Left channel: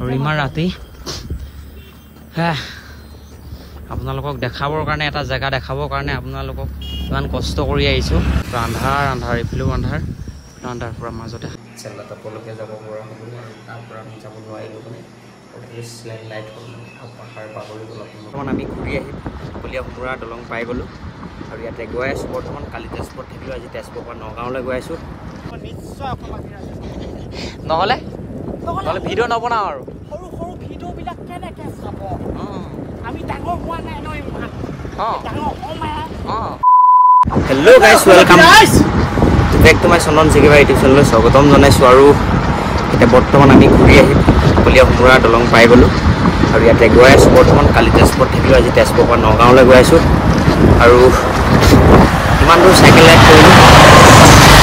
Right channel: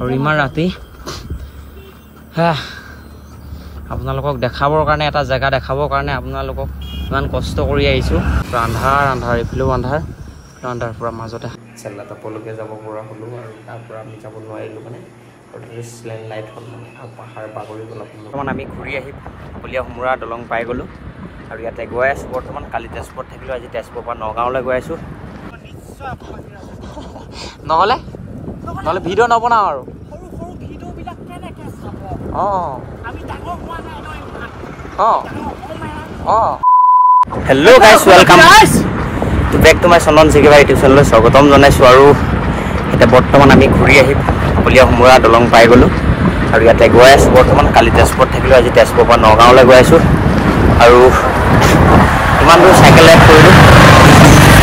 আৰু ইমান ৰাতি আপোনালোকক দেখাবৰ কাৰণে এটা জেগা দেখাবৰ কাৰণে আপোনালোকক ইমান কষ্ট কৰি আহিছোঁ আন্ধাৰ আন্ধাৰ এইফালেও আন্ধাৰ আন্ধাৰ পৰা মাজতে চেল্লা টাপলৈকে যাব পৰা হ'লোঁ আৰু তাৰ পৰা আমি যাব নোৱাৰিলোঁ মানে লাইট হ'ল মানে পাহাৰ বাগৰি গ'ল বৰ্তমান আমি ঘূৰি আহি কলীয়া ভোমোৰা দলং পাই গ'লোঁ আৰু ইয়াতে গৈ আছোঁ বৰ্তমান কালি তেজপুৰত থাকিলোঁ আজি তেজপুৰৰ পৰা নগাঁৱলৈ গৈ আছোঁ নহ'লে ভিডিঅ' নবনাওঁ আৰু hello' guys welcome back to my Chandan Chikiba YouTube চেনেললৈ স্বাগতম জনাইছোঁ আৰু এতিয়া বৰ্তমান আমি ঘূৰি আহি কলীয়া ভোমোৰা দলং পাই গ'লোঁ আৰু ইয়াতে গৈ আছোঁ বৰ্তমান কালি তেজপুৰত থাকিলোঁ আজি তেজপুৰৰ পৰা নগাঁৱলৈ গৈ আছোঁ আৰু ইমান দূৰ চাইকেল ৰাইড কৰিলোঁ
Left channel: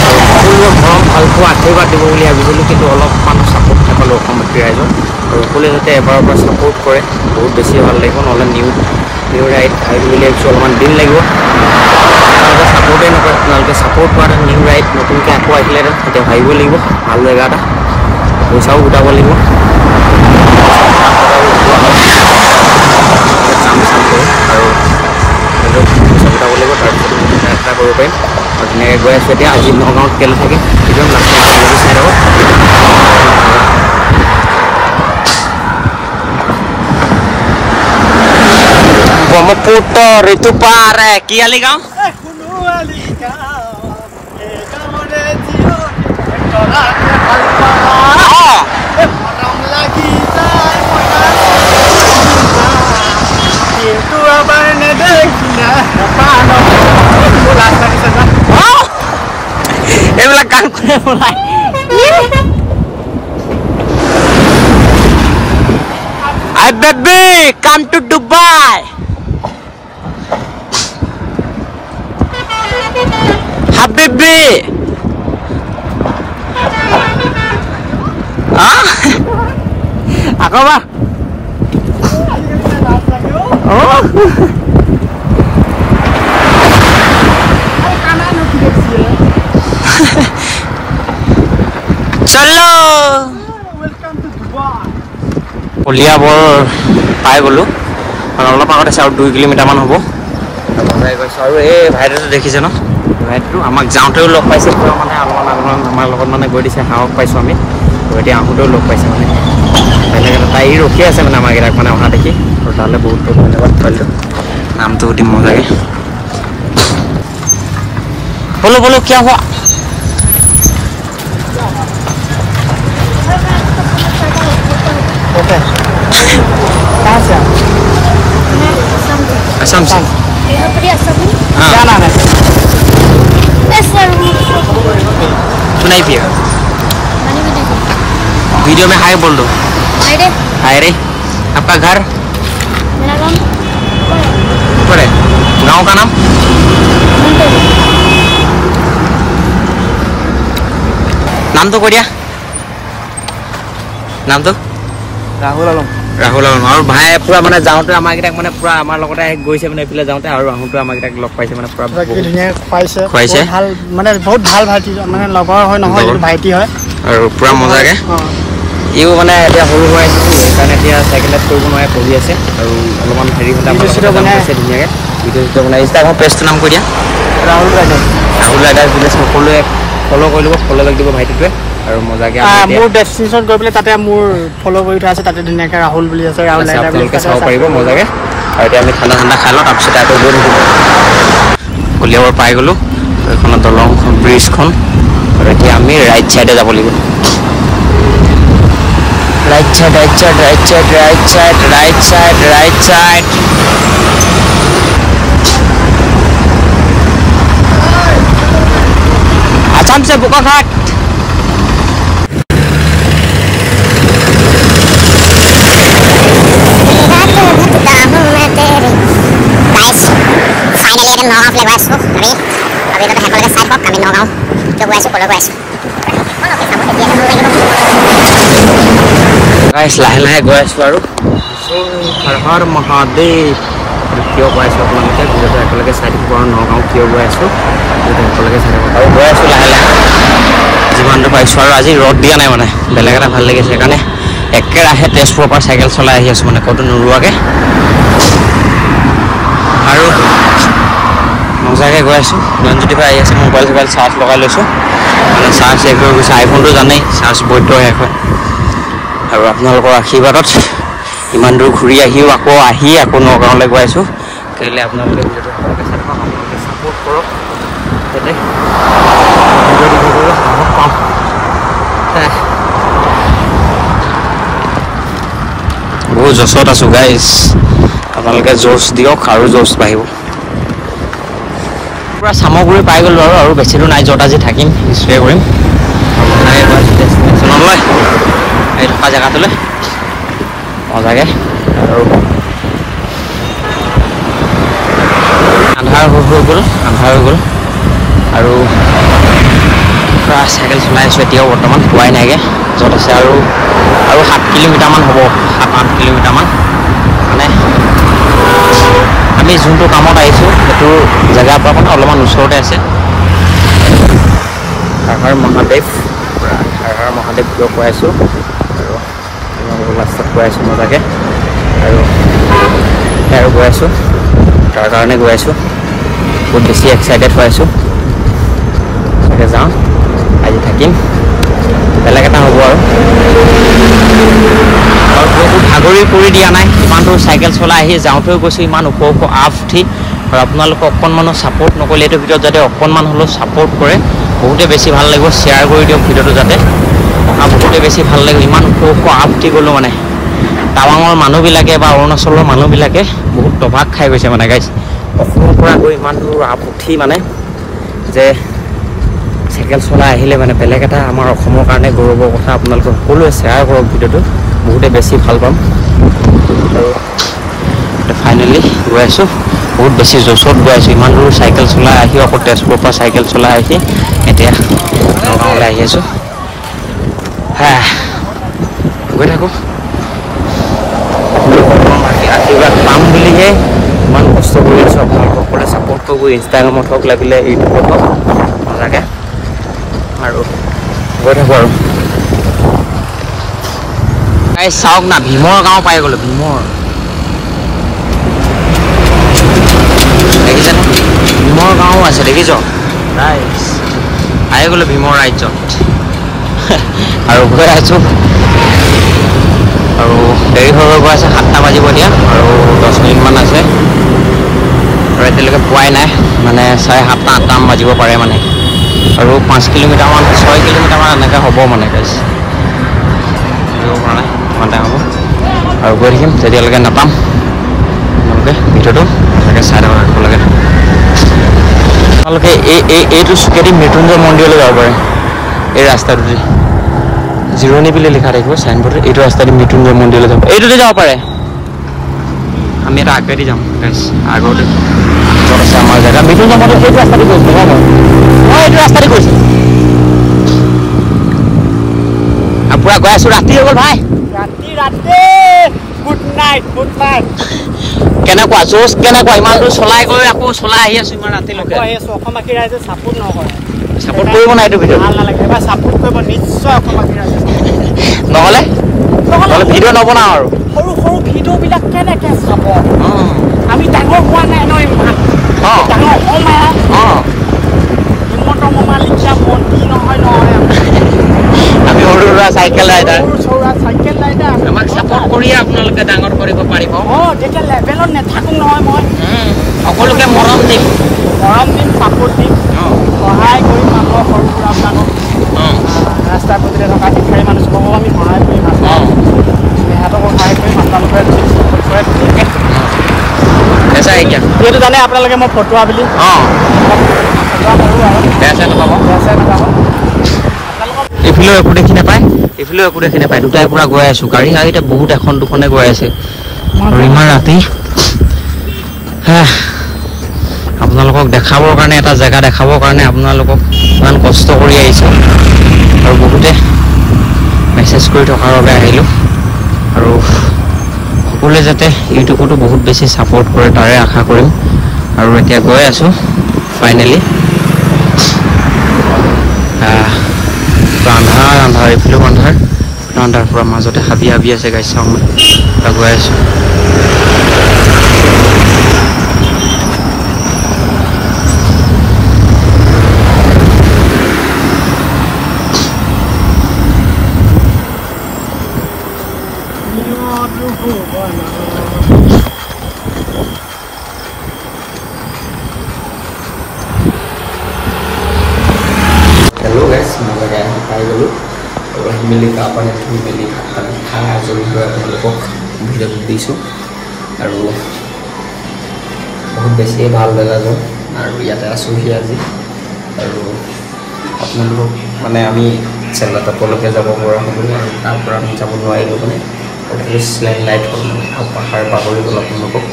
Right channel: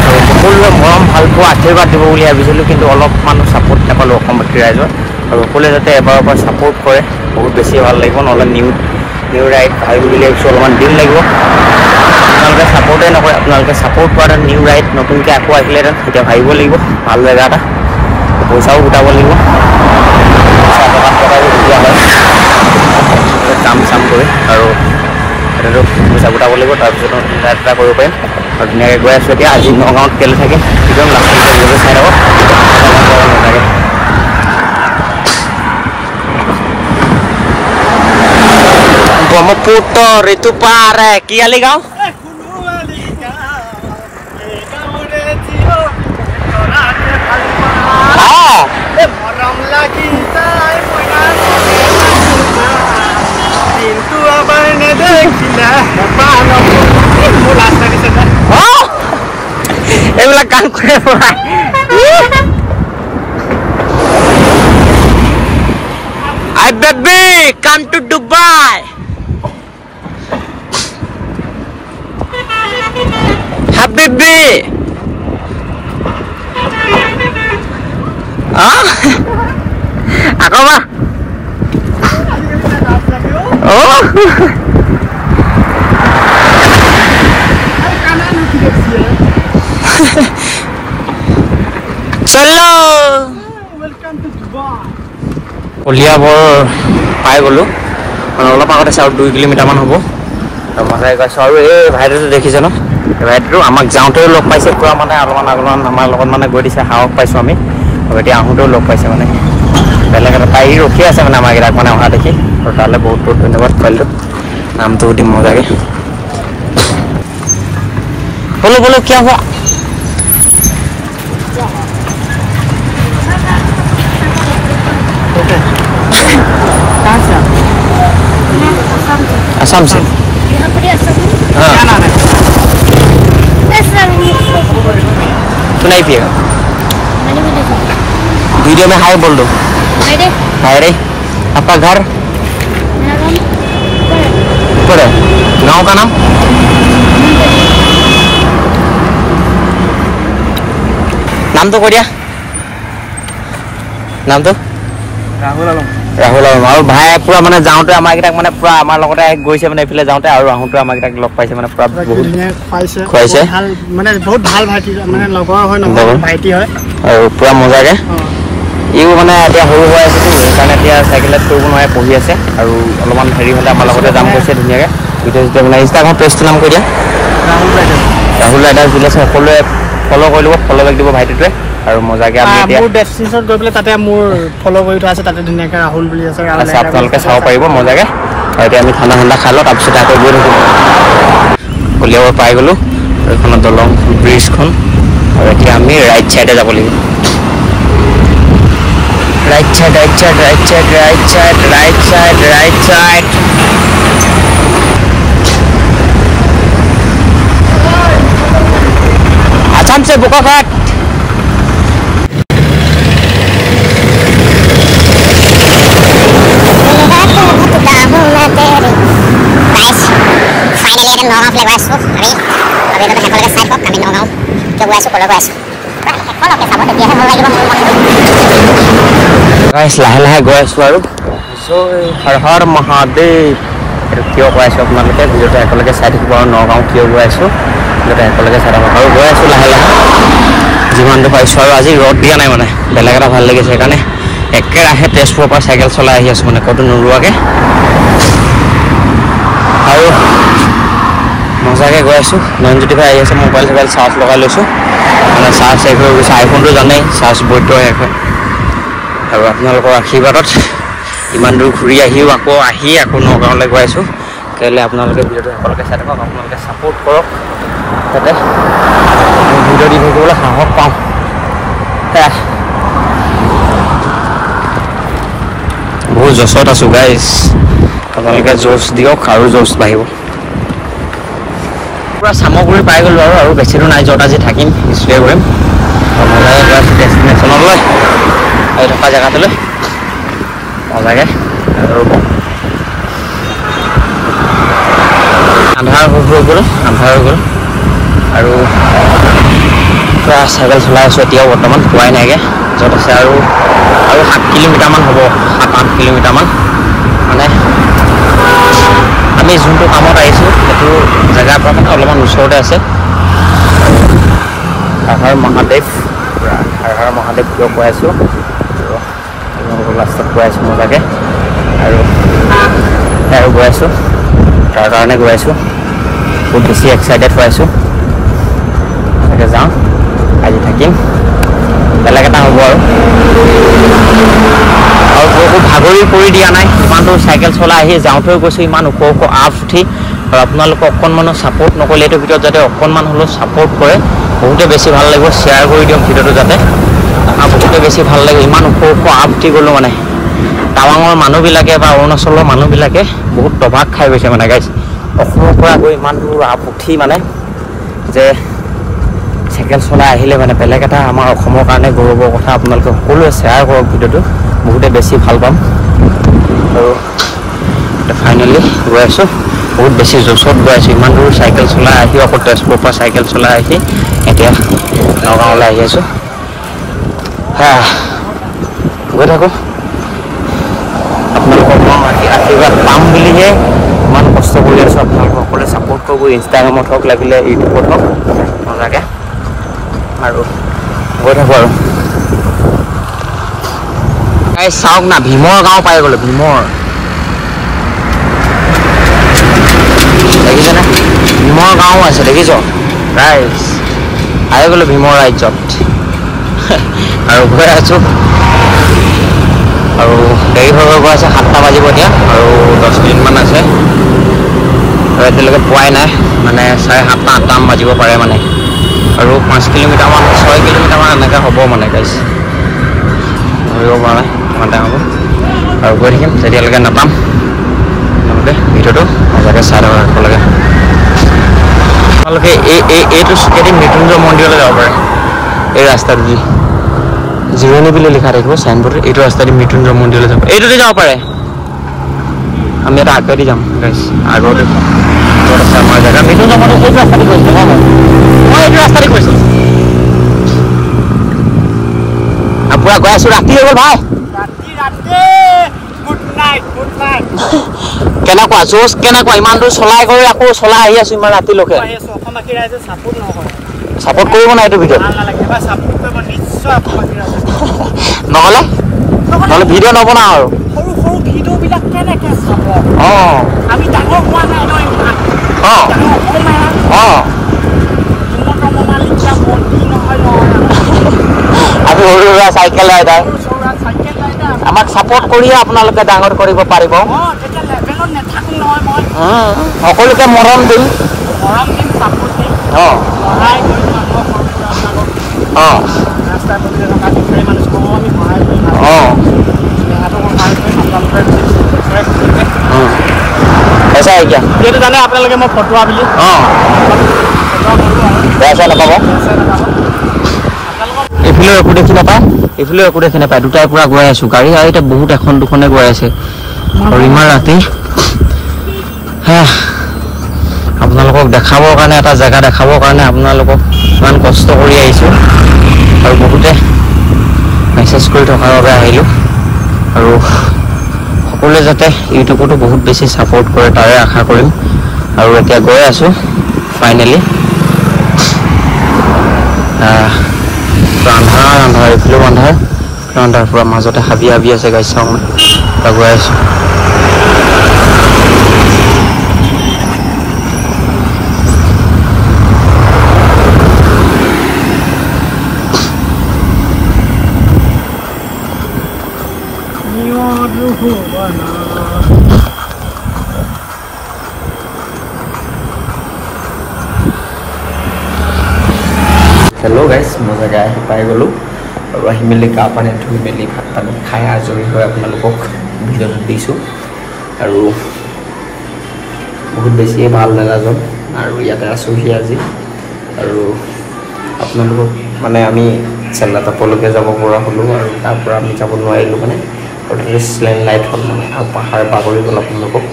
আৰু সকলোৱে মৰম ভাল পোৱা আশীৰ্বাদ দিব বুলি ভাবিছিলোঁ কিন্তু অলপ মানুহ ছাপোৰ্ট নাপালোঁ অসমবাসী ৰাইজৰ আৰু সকলোৱে যাতে এবাৰৰ পৰা ছাপোৰ্ট কৰে বহুত বেছি ভাল লাগিব নহ'লে নিউ ৰাইড ভাবিম বুলি ভাবিছোঁ অলপমান দিন লাগিব আপোনালোকে ছাপোৰ্টেই নকৰে আপোনালোকে ছাপোৰ্ট কৰাহেঁতেন নিউ ৰাইড নতুনকৈ আকৌ আহিলেহেঁতেন এতিয়া ভাবিব লাগিব ভাল জেগা এটা পইচাও গোটাব লাগিব পইচা টকাই গোটোৱা হয় কাম চাম কৰি আৰু এতিয়াতো পইচা গোটাব লাগিব তাৰপিছত নতুন ৰাইড এটা কৰিব পাৰিম আৰু ধুনীয়াকৈ গৈ আছোঁ এতিয়া আজি নগাঁৱত কেলৈ থাকিম একদম লাষ্ট ভিডিঅ'টো চাই থাকক নাথাকে ব্ৰহ্মপুত্ৰ ঋতু পাৰে কি আলি গাঁও এইবিলাক কাম কৰে I baby come to Dubai Habibi আকৌ বা চলো কলিয়াবৰ পাই গ'লোঁ মানে অলপ আগত আছে আৰু 2 কিলোমিটাৰমান হ'ব মানুহে গৈছোঁ আৰু এই ভাইটিটো দেখিছে ন ভাইটিটো আমাক যাওঁতেও লগ পাইছে পূৰা মানে অলপমান আমাৰ লগত মানে গৈ দিছে সাহস পাইছোঁ আমি আৰু এতিয়া আহোঁতেও লগ পাইছে মানে বেলেগ এটা তাই ৰখি আছে মানে আমাৰকেইটাক মানে অহা দেখি আৰু তালৈ বহুত বহুত ধন্যবাদ পোৱালিটো নামটো সুধিম মজাকৈ বলো বলো কিয় হোৱা आसाम से हाँ सुनाई पिएगा वीडियो में हाय बोल दो हाय रे आपका घर है गांव का नाम तो कोरिया नाम तो ৰাহুল আৰু ভাই পুৰা মানে যাওঁতে আমাৰকেইটাক মানে পুৰা আমাৰ লগতে গৈছে মানে এইফালে যাওঁতে আৰু আহোঁতে আমাৰকেইটাক লগ পাইছে মানে পুৰা খুৱাইছে মানে বহুত ভাল ভাইটি মানে লগৰ হয় নহয় ভাইটি হয় আৰু পুৰা মজাকৈ ইও মানে এতিয়া সৰু হৈ আছেতো সেইকাৰণে এতিয়া চাইকেল ৰাইড কৰিব নোৱাৰে পঢ়ি আছে আৰু অলপমান হেৰি হ'লে আমাৰ লগতে যাম কৈছে ধুনীয়াকৈ ভিডিঅ' মানে ইনষ্টাগ্ৰাম পেজটোৰ নাম কৈ দিয়া ৰাহুল ৰাইডাৰ্ছ দিলে সকলোৱে ফ'ল' কৰি ল'ব ফ'ল' বেক দিব ভাইটিটোৱে আৰু মজাকৈ আমি এতিয়া মোৰ ডেষ্টিনেশ্যন গৈ পেলাই তাতে মোৰ ফ'ল' কৰি থোৱা আছে তাতে ধুনীয়াকৈ ৰাহুল বুলি আছে আপোনালোকে চাব পাৰিব মজাকৈ এতিয়া আমি ঠাণ্ডা খাই লওঁ তাৰপিছত আকৌ গৈ থাকিম কলিয়াবৰ পাই গ'লোঁ এইখনত দলংখন ব্ৰিজখন আৰু এতিয়া আমি ৰাইট ছাইডে যাব লাগিব ৰাইট ছাইড আসাম से बोकाखाट লাহে লাহে গৈ আছোঁ আৰু হৰ হৰ মহাদেৱ এইটো কিয় কৈ আছোঁ আপোনালোকে ভিডিঅ'টো একেলগে চাই থাকিব আৰু নগাঁও কিয় গৈ আছোঁ ভিডিঅ'টো একেলগে চাই থাকিব আৰু গৈ আছোঁ লাহে লাহে যিমানটো পাইছোঁ আৰু আজি ৰ'দ দিয়া নাই মানে বেলেগ এটা ভাল লাগিছে সেইকাৰণে একেৰাহে তেজপুৰৰ পৰা চাইকেল চলাই আহি আছোঁ মানে ক'তো নোৰোৱাকৈ আৰু মজাকৈ গৈ আছোঁ। নয়নজ্যোতিৰ পৰা আহি আছে, মোবাইল চোবাইল চাৰ্জ লগাই লৈছোঁ মানে চাৰ্জ শেষ হৈ গৈছে। আইফোনটো জানেই চাৰ্জ বৈদ্য শেষ হয় আৰু আপোনালোকৰ আশীৰ্বাদত ইমান দূৰ ঘূৰি আহিও আকৌ নগাঁৱলৈ গৈ আছোঁ। কাইলৈ আপোনালোকে ভিডিঅ'টো সকলোকে চাই থাকক, আপোনালোকে ছাপোৰ্ট কৰক যাতে ভিডিঅ' দি থাকিবলৈ সাহস পাওঁ। বহুত জছত আছোঁ গাইজ, আপোনালোকে জোচ দিয়ক আৰু জোচ বাঢ়িব। পূৰা চামগুৰি পাই গ'লোঁ আৰু বেছি দূৰ নাই, য'ত আজি থাকিম ষ্টে কৰিম আৰু মজাকৈ গৈ আছোঁ ডেষ্টিনেশ্যনলৈ, এই থকা জেগাটোলৈ মজাকৈ। আৰু আন্ধাৰ হৈ গ'ল আৰু পূৰা চাইকেল চলাই আছোঁ এতিয়াও বৰ্তমান পোৱাই নাইগৈ য'ত আছে। আৰু 7 কিলোমিটাৰমান হ'ব, 7-8 কিলোমিটাৰমান মানে আমি যোনটো কামত আহিছোঁ সেইটো জেগাৰ পৰা মানে অলপমান ওচৰতে আছে। হৰ মহাদেৱ, পূৰা হৰ মহাদেৱ কিয় কৈ আছোঁ আৰু আপোনালোকৰ লাষ্টত কৈ আছোঁ মজাকৈ। আৰু গৈ আছোঁ, তাৰ কাৰণে গৈ আছোঁ, বহুত বেছি এক্সাইটেড হৈ আছোঁ। তাকে যাওঁ, আজি থাকিম, বেলেগ এটা হ'ব আৰু একো ভাগৰি পৰি দিয়া নাই। ইমান দূৰ চাইকেল চলাই আহি যাওঁতেও গৈছোঁ ইমান ওখ আপ উঠি। আৰু আপোনালোকে অকণমানো ছাপোৰ্ট নকৰিলে এইটো ভিডিঅ'ত যাতে অকণমান হ'লেও ছাপোৰ্ট কৰে, বহুতে বেছি ভাল লাগিব। শ্বেয়াৰ কৰি দিয়ক ভিডিঅ'টো যাতে, আৰু বহুতে বেছি ভাল লাগিব। ইমান ওখ আপ উঠি গ'লোঁ মানে টাৱাঙৰ মানুহবিলাকে বা অৰুণাচলৰ মানুহবিলাকে বহুত তবাক খাই গৈছে মানে গাইজ। অসমৰ পৰা গৈ ইমান দূৰ আপ উঠি মানে যে চাইকেল চলাই আহিলে মানে বেলেগ এটা আমাৰ অসমৰ কাৰণে গৌৰৱৰ কথা। আপোনালোকে সকলোৱে শ্বেয়াৰ কৰক ভিডিঅ'টো, বহুতে বেছি ভাল পাম। আৰু ফাইনেলি গৈ আছোঁ, বহুত বেছি জোচত গৈ আছোঁ। ইমান দূৰ চাইকেল চলাই আহি আকৌ তেজপুৰৰ পৰা চাইকেল চলাই আহি এতিয়া নগাঁৱলৈ আহি আছোঁ। গৈ থাকোঁ, আপোনালোকৰ আশীৰ্বাদ পাম বুলিহে ইমান কষ্ট কৰি আছোঁ। আপোনালোকে সকলোৱে ছাপোৰ্ট কৰিব, ইনষ্টাগ্ৰামত হওক লাগিলে ইউটিউবত হওক মজাকৈ। আৰু গৈ থাকোঁ আৰু চাওক না, ভীমৰ গাঁও পাই গ'লোঁ। ভীমৰ দেখিছেনে, ভীমৰ গাঁও আছে দেখিছ ৰাইজ, আহি গ'লোঁ ভীমৰ ৰাজ্যত। আৰু গৈ আছোঁ আৰু দেৰি হৈ গৈ আছে, 7টা বাজিব এতিয়া আৰু 10 মিনিটমান আছে আৰু এতিয়ালৈকে পোৱাই নাই, মানে 7:30 8টামান বাজিব পাৰে মানে। আৰু 5 কিলোমিটাৰমান 6 কিলোমিটাৰমান এনেকৈ হ'ব মানে গাইজ, ধৰিব পৰা নাই কিমান টাইম হ'ব। আৰু গৈ থাকিম তেতিয়ালৈকে নাপাম। আপোনালোকে ভিডিঅ'টো মজাকৈ চাই থাকিব লাগে। আপোনালোকে এইটো চুকেদি মৃত্যুঞ্জয় মন্দিৰলৈ যাব পাৰে, এই ৰাস্তাটোদি জিৰণি বুলি লিখা থাকিব চাইনবোৰ্ডত। এইটো ৰাস্তাদি মৃত্যুঞ্জয় মন্দিৰলৈ যাব, এইটোদি যাব পাৰে। আমি এটা আগেদি যাম গাইজ, আগতে য'ত আছে আমাৰ জেগা মৃত্যুঞ্জয় মন্দিৰ, সেইটো ৰাস্তাদি গৈছোঁ। মই এইটো ৰাস্তাদি গৈছোঁ আৰু পূৰা গৈ আছোঁ। ৰাতি হৈ গ'ল ভাই, কেনেকুৱা জোচ, কেনেকুৱা ইমান দূৰ চলাই কৰি আকৌ চলাই আহি আছোঁ ইমান ৰাতিলৈকে। ছাপোৰ্ট কৰিব নাই এইটো ভিডিঅ'ত, নহ'লে ভিডিঅ' নবনাওঁ আৰু। আমি সৰু সুৰা চাইকেল ৰাইডাৰ, আমাক ছাপোৰ্ট কৰিয়ে আপোনালোকে ডাঙৰ কৰিব পাৰিব। সকলোকে মৰম দিম, ছাপোৰ্ট দিম, সহায় কৰিম এইটো জানে আপোনালোকে মই ফটোৱা বুলি। এইফালেও একো দেখি নাপায়, এইফালেও একো দেখি নাপায়, দুটাই পূৰা গৈ আছোঁ। গাড়ী আৰু এতিয়া বহুত এখন দুখনে গৈ আছে আৰু ইমান ৰাতি। আপোনালোকক দেখাবৰ কাৰণে, এটা জেগা দেখাবৰ কাৰণে আপোনালোকক ইমান কষ্ট কৰি আহিছোঁ আৰু বহুতে মেছেজ কৰি থকাৰ বাবে আহিলোঁ। আৰু সকলোৱে যাতে ইউটিউবতো বহুত বেছি ছাপোৰ্ট কৰে তাৰে আশা কৰিম। আৰু এতিয়া গৈ আছোঁ ফাইনেলি, আন্ধাৰ এইফালেও আন্ধাৰ, বৰ্তমান তাৰ পৰা মাজতে হাবি হাবি আছে গাইছ চাওঁ মই আগুৱাই আছোঁ হেল্ল' গাইছ মই জেগা আহি পাই গ'লোঁ আৰু আহি মেলি গা পানী ধুই মেলি ভাত পানী খাই আজৰি হৈ আপোনালোকক ভিডিঅ'টো দিছোঁ আৰু বহুত বেছিয়ে ভাল জেগাজন আৰু ইয়াতে আছোঁহি আজি আৰু আপোনালোকক মানে আমি চেল্লাটাপলৈকে যাব পৰা হ'লোঁ আৰু তাৰ পৰা আমি যাব নোৱাৰিলোঁ মানে লেণ্ড লাইট হ'ল মানে আৰু পাহাৰ বাগৰি গ'ল আপোনালোকক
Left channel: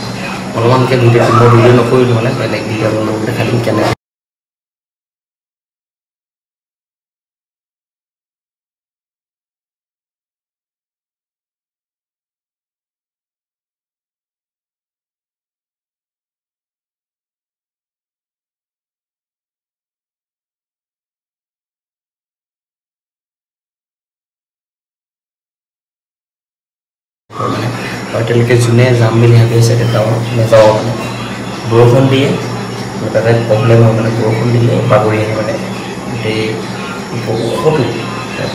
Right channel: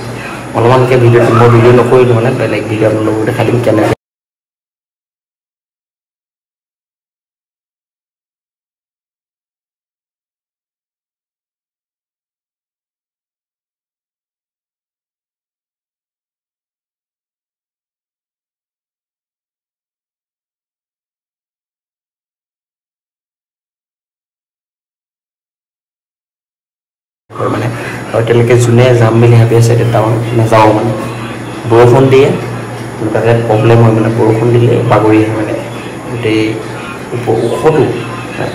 অলপমানকৈ ভিডিঅ'টো মই ভিডিঅ' নকৰিলোঁ মানে বেলেগ ভিডিঅ' আপোনালোকক দেখাই দিম কেনেকৈ মানে এতিয়ালৈকে যোনে যাম বুলি ভাবি আছে এতিয়া টাউন নাযাওঁ মানে বৰষুণ দিয়ে তাতে প্ৰব্লেম হয় মানে বৰষুণ দিলে বাগৰি আহে মানে গোটেই ওখটো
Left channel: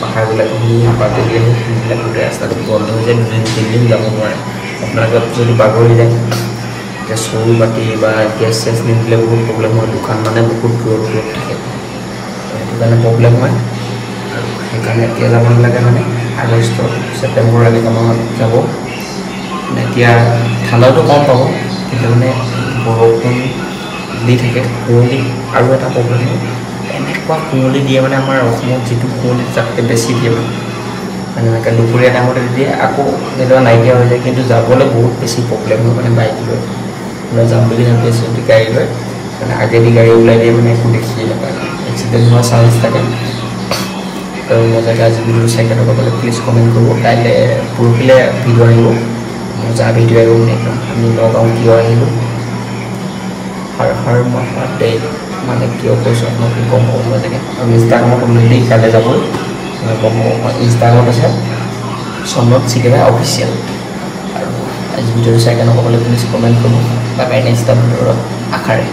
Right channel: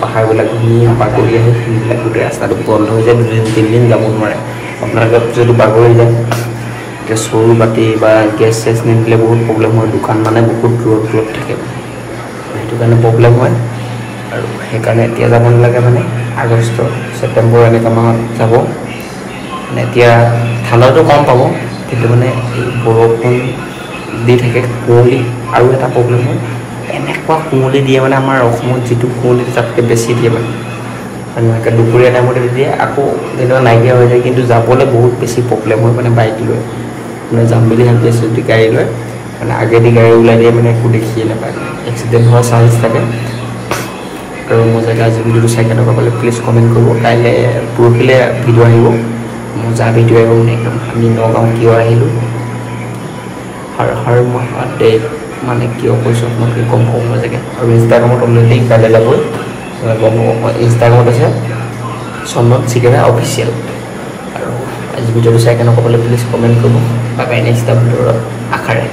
পাহাৰবিলাক ধুনীয়া বাগৰি আহে সেইবিলাক গোটেই ৰাস্তাটো বন্ধ হৈ যায় দুদিন তিনিদিন যাব নোৱাৰে আপোনালোকে যদি বাগৰি যায় এতিয়া চৰু বাতি বা গেছ চেছ নিদিলে বহুত প্ৰব্লেম হয় দোকান মানে বহুত দূৰত থাকে সেইটো কাৰণে প্ৰব্লেম হয় আৰু সেইকাৰণে এতিয়া যাব নালাগে মানে আগষ্ট ছেপ্টেম্বৰ এনেকুৱা মাহত যাব মানে এতিয়া ঠাণ্ডাটো কম পাব কিন্তু মানে বৰষুণ দি থাকে কুঁৱলী আৰু এটা প্ৰব্লেম হয় এনেকুৱা কুঁৱলী দিয়ে মানে আমাৰ অসমত যিটো কুঁৱলী তাতকৈ বেছি দিয়ে মানে এনেকৈ দুপৰীয়া টাইমতে দিয়ে আকৌ যেনিবা নাইকিয়া হৈ যায় কিন্তু যাবলৈ বহুত বেছি প্ৰব্লেম হয় মানে বাইক লৈ মানে যাম বুলি ভাবি আছোঁ যদি গাড়ী লৈ মানে আগেদি গাড়ী ওলাই দিয়ে মানে একো দেখিয়ে নাপায় এক্সিডেণ্ট হোৱাৰ চান্স থাকে আৰু মজাকৈ আজি ভিডিঅ'টো চাই কেনেকুৱা পালে প্লিজ কমেণ্ট কৰিব কাইলৈ পৰহিলৈ ভিডিঅ' আহিব মজা ভিডিঅ' আহিব মানে একদম আমি নগাঁও কিয় আহিলোঁ মহাদেৱ মানে কিয় কৈছোঁ আপোনালোকে গম পাব মজাকৈ আৰু ইনষ্টাগ্ৰামত অলৰেডি কাইলৈ যাবই গম পাব ইনষ্টাগ্ৰামত আছে চন্দন চিকেৰা অফিচিয়েল আৰু আজি ভিডিঅ'টো চাই কেনেকুৱা পালে প্লিজ কমেণ্ট কৰিব বা নেক্সট ভিডিঅ'ত আশাৰে